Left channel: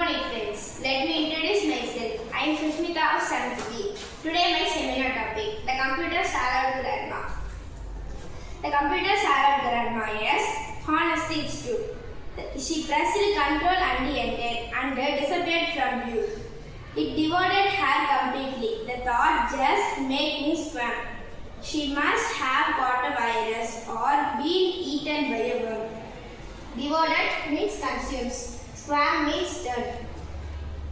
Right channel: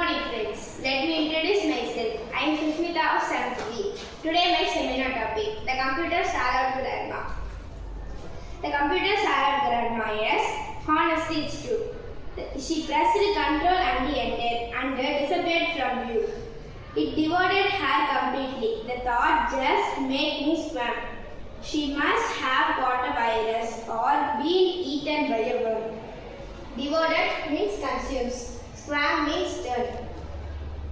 morning friends. Let me introduce myself. I am Sushmita of 7th B. Today my seminar topic, the computer Sarah Grandma. The computer Sarah Grandma is honesty is true. She pressed control and enter and disappeared from view. It devoured her completely. The thought just made me swim. She must have got a virus or been eaten by a worm. Devoured means consumes. Swam means turn.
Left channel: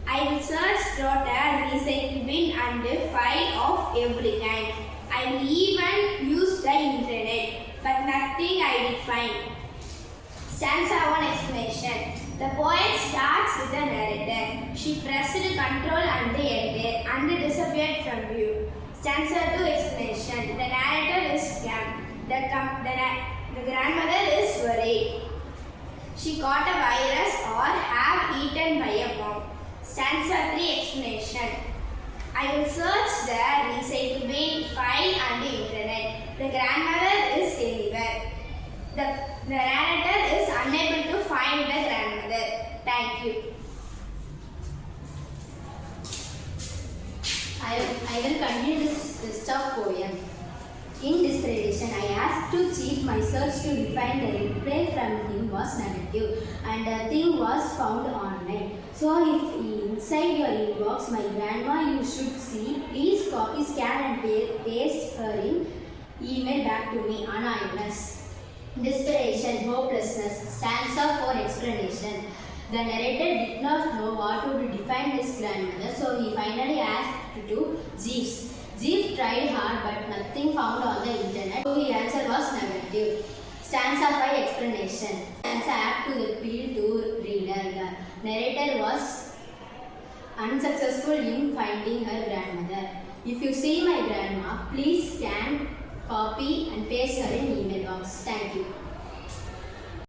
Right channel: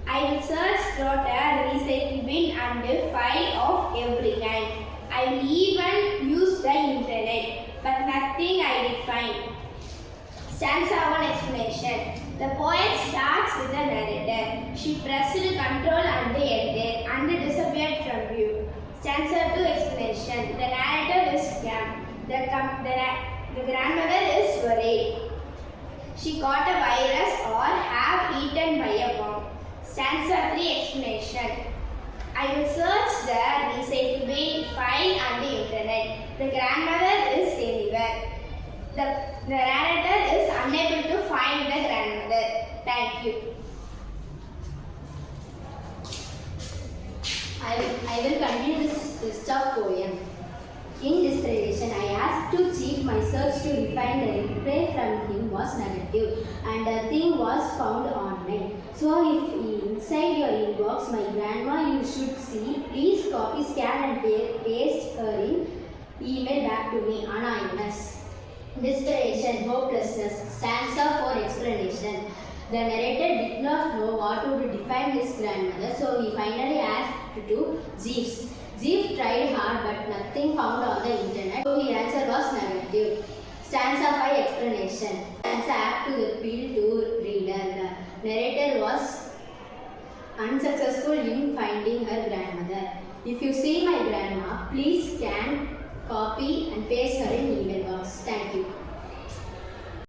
I will search throughout a recycle bin and file of every kind. I will even use the internet, but nothing I did find. Stanza 1 explanation. The poet starts with the narrator. She pressed control and enter and disappeared from view. Stanza 2 explanation. The narrator is scam. The grandmother is worried. She caught a virus or have eaten by a worm. Stanza 3 explanation. I will search the recycle bin, file and the internet. The grandmother is anywhere. The narrator is unable to find the grandmother. Thank you. I will continue this list of poem. In desperation, I asked to cheat my search to refine the reply from him was negative and the thing was found online. So if inside your inbox, my grandma you should see, please copy, scan and paste her in email back to me anonymous. Desperation, hopelessness, stanza for explanation. The narrator did not know what to define his grandmother, so he finally asked to Jeeves. Jeeves tried hard but nothing found on the internet, so the answer was negative. Stanza 5 explanation. Stanza act to the appeal to reader. The narrator was unsuccessful in finding her grandmother. If you see my grandma, please scan, copy and paste her in email box. Thank you.